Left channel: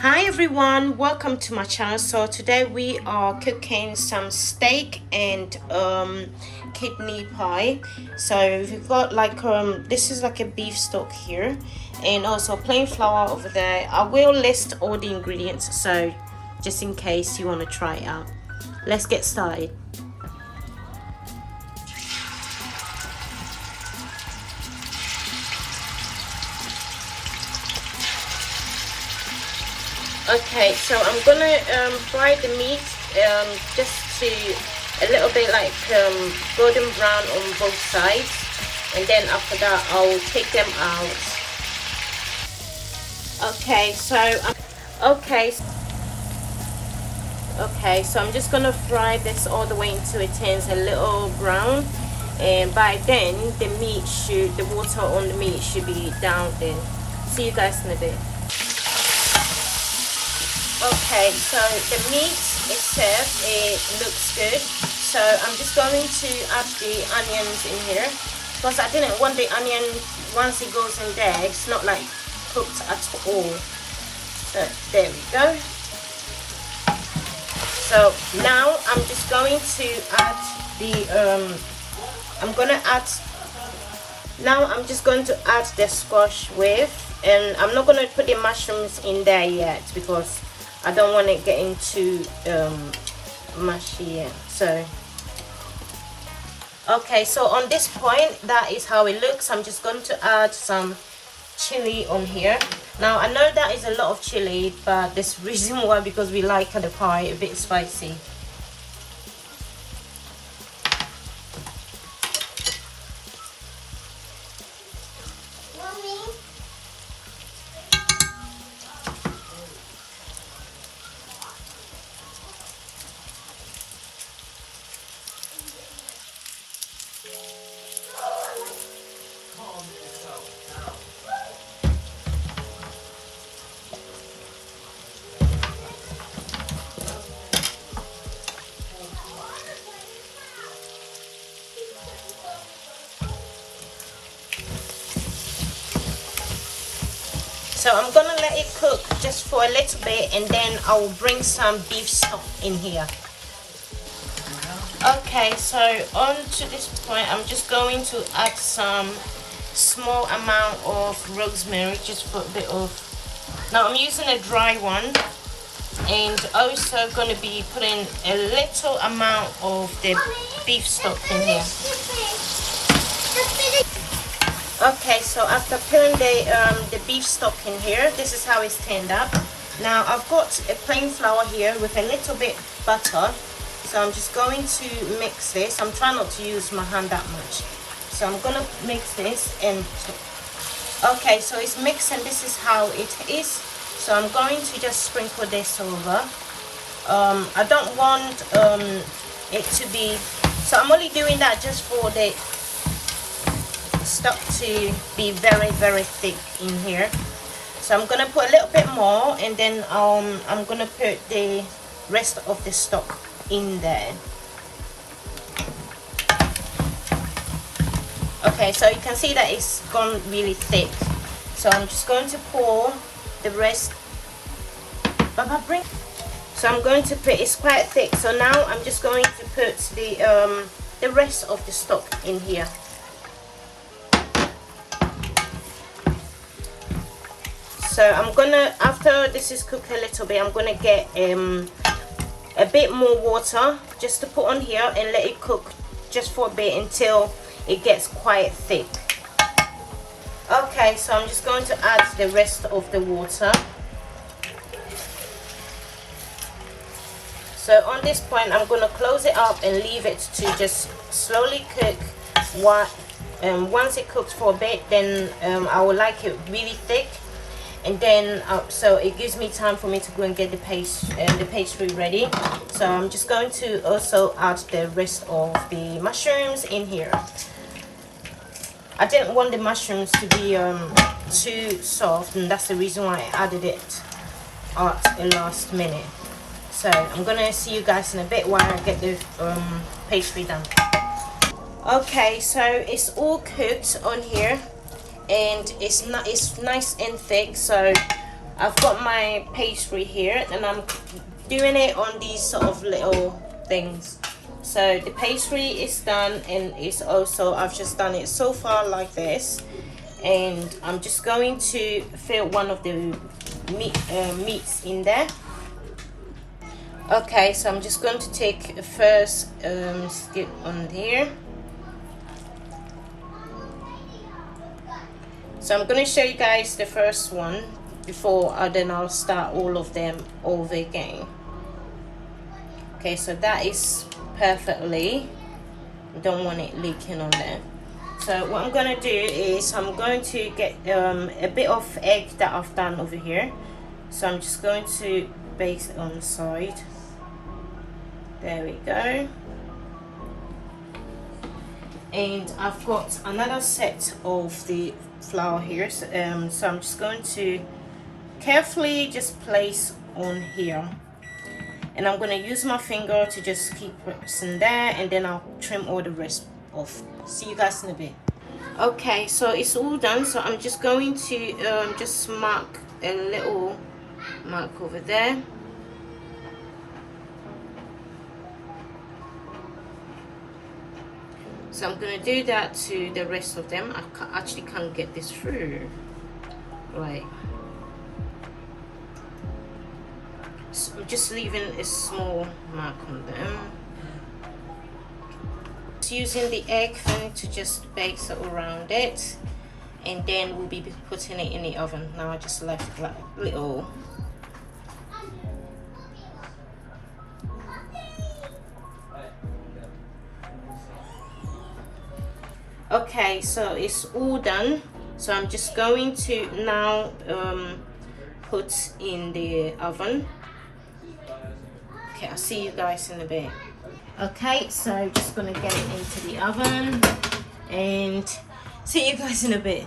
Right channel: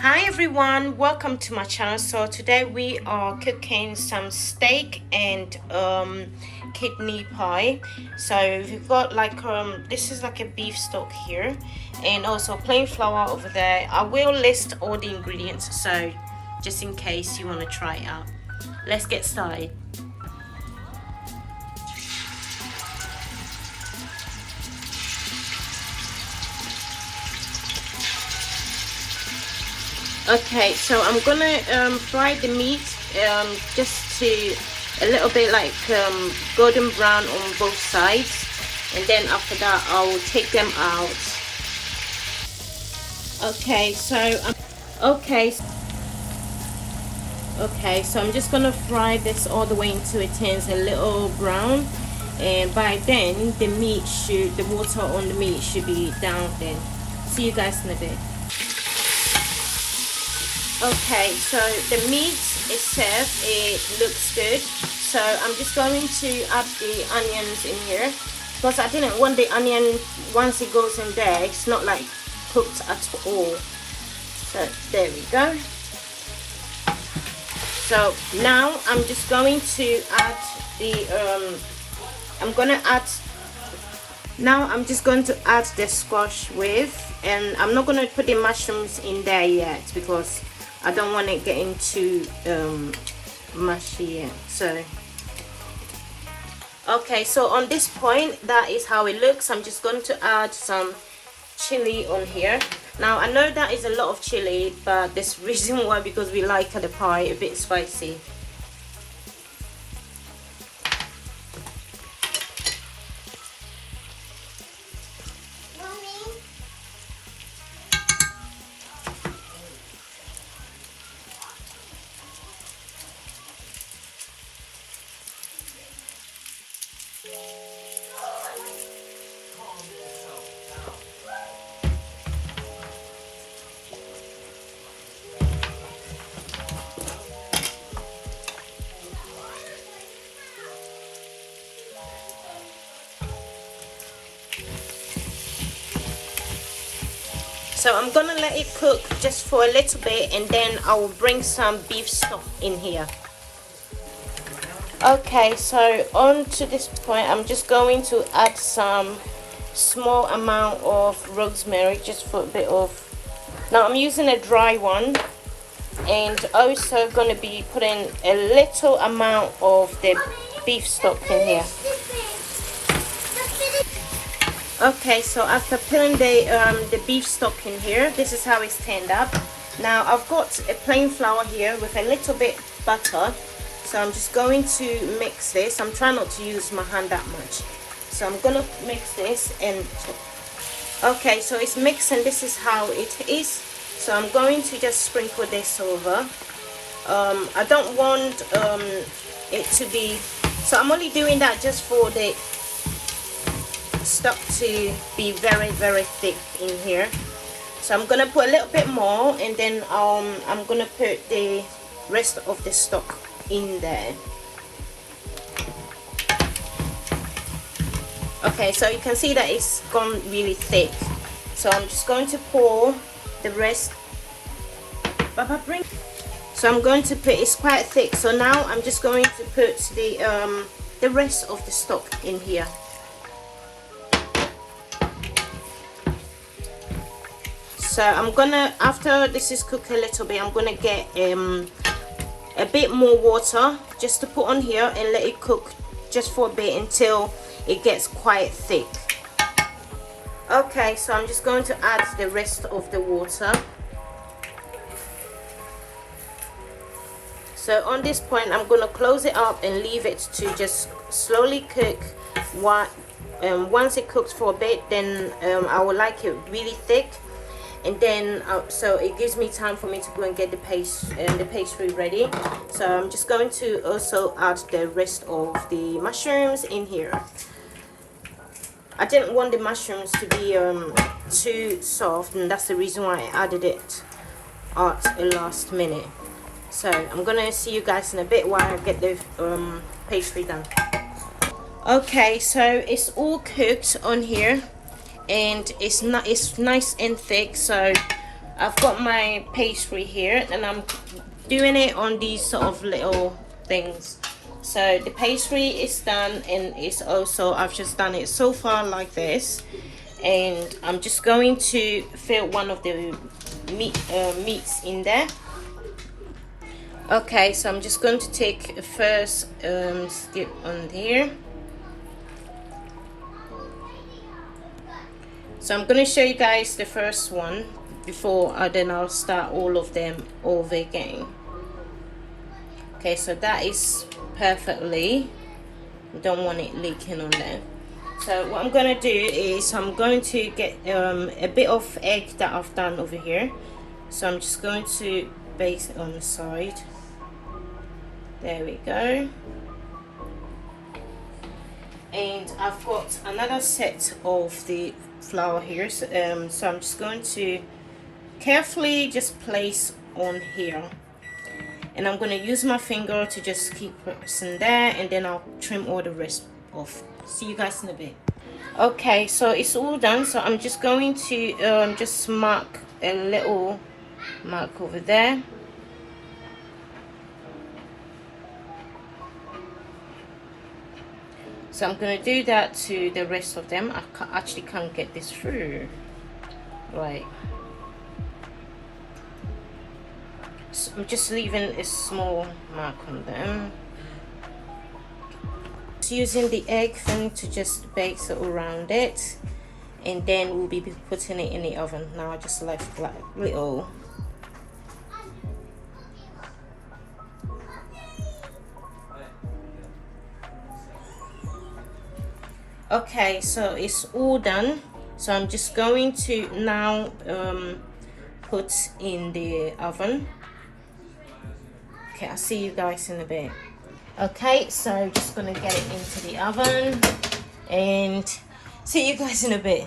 Hi everyone, welcome to my channel. So today we are cooking some steak and kidney pie. So we've got like this is like a beef stock here, and also plain flour over there. I will list all the ingredients, so just in case you want to try it out. Let's get started. Okay, so I'm gonna fry the meat just to a little bit like golden brown on both sides, and then after that I'll take them out. Okay, so I'm just gonna fry this all the way until it turns a little brown, and by then the water on the meat should be down there. See you guys in a bit. Okay, so the meat is served, it looks good. So I'm just going to add the onions in here, because I didn't want the onion, once it goes in there, it's not like cooked at all. So there we go. So now I'm just going to add the, I'm just going to add the squash with, and I'm not going to put the mushrooms in there yet because I don't want it getting too mushy yet. So okay, so on this point, that is how it looks. I'm just going to add some chili on here. Now I know that is a lot of chili, but there's reason why, because we like the pie a bit spicy. So I'm gonna let it cook just for a little bit, and then I will bring some beef stock in here. Okay, so on to this point, I'm just going to add some small amount of rosemary, just for a bit of. Now I'm using a dry one, and also going to be putting a little amount of the beef stock in here. Okay, so after putting the beef stock in here, this is how it's turned up. Now I've got a plain flour here with a little bit butter, so I'm just going to mix this. I'm trying not to use my hand that much, so I'm gonna mix this. And okay, so it's mixed, and this is how it is. So I'm going to just sprinkle this over. I don't want it to be, so I'm only doing that just for the stock to be very, very thick in here. So I'm gonna put a little bit more, and then I'm gonna put the rest of the stock in there. Okay, so you can see that it's gone really thick, so I'm just going to pour the rest. So I'm going to put, it's quite thick, so now I'm just going to put the rest of the stock in here. So I'm gonna, after this is cooked a little bit, I'm gonna get a bit more water just to put on here and let it cook just for a bit until it gets quite thick. Okay, so I'm just going to add the rest of the water. So on this point, I'm going to close it up and leave it to just slowly cook. Once it cooks for a bit, then I will like it really thick. And then so it gives me time for me to go and get the pastry ready. So I'm just going to also add the rest of the mushrooms in here. I didn't want the mushrooms to be too soft, and that's the reason why I added it at the last minute. So I'm gonna see you guys in a bit while I get the pastry done. Okay, so it's all cooked on here, and it's nice and thick. So I've got my pastry here, and I'm doing it on these sort of little things. So the pastry is done, and it's also, I've just done it so far like this, and I'm just going to fill one of the meats in there. Okay, so I'm just going to take the first skip on here. So I'm going to show you guys the first one before then I'll start all of them over again. Okay, so that is perfectly, don't want it leaking on there. So what I'm going to do is I'm going to get a bit of egg that I've done over here. So I'm just going to bake it on the side. There we go. And I've got another set of the flour here, so I'm just going to carefully just place on here, and I'm going to use my finger to just keep pressing there, and then I'll trim all the rest off. See you guys in a bit. Okay, so it's all done, so I'm just going to just mark a little mark over there. So I'm going to do that to the rest of them. I actually can't get this through. Right. So I'm just leaving a small mark on there. Just using the egg thing to just bake it around it. And then we'll be putting it in the oven. Now I just left like little. Okay, so it's all done. So I'm just going to now put in the oven. Okay, I'll see you guys in a bit. Okay, so just gonna get it into the oven and see you guys in a bit.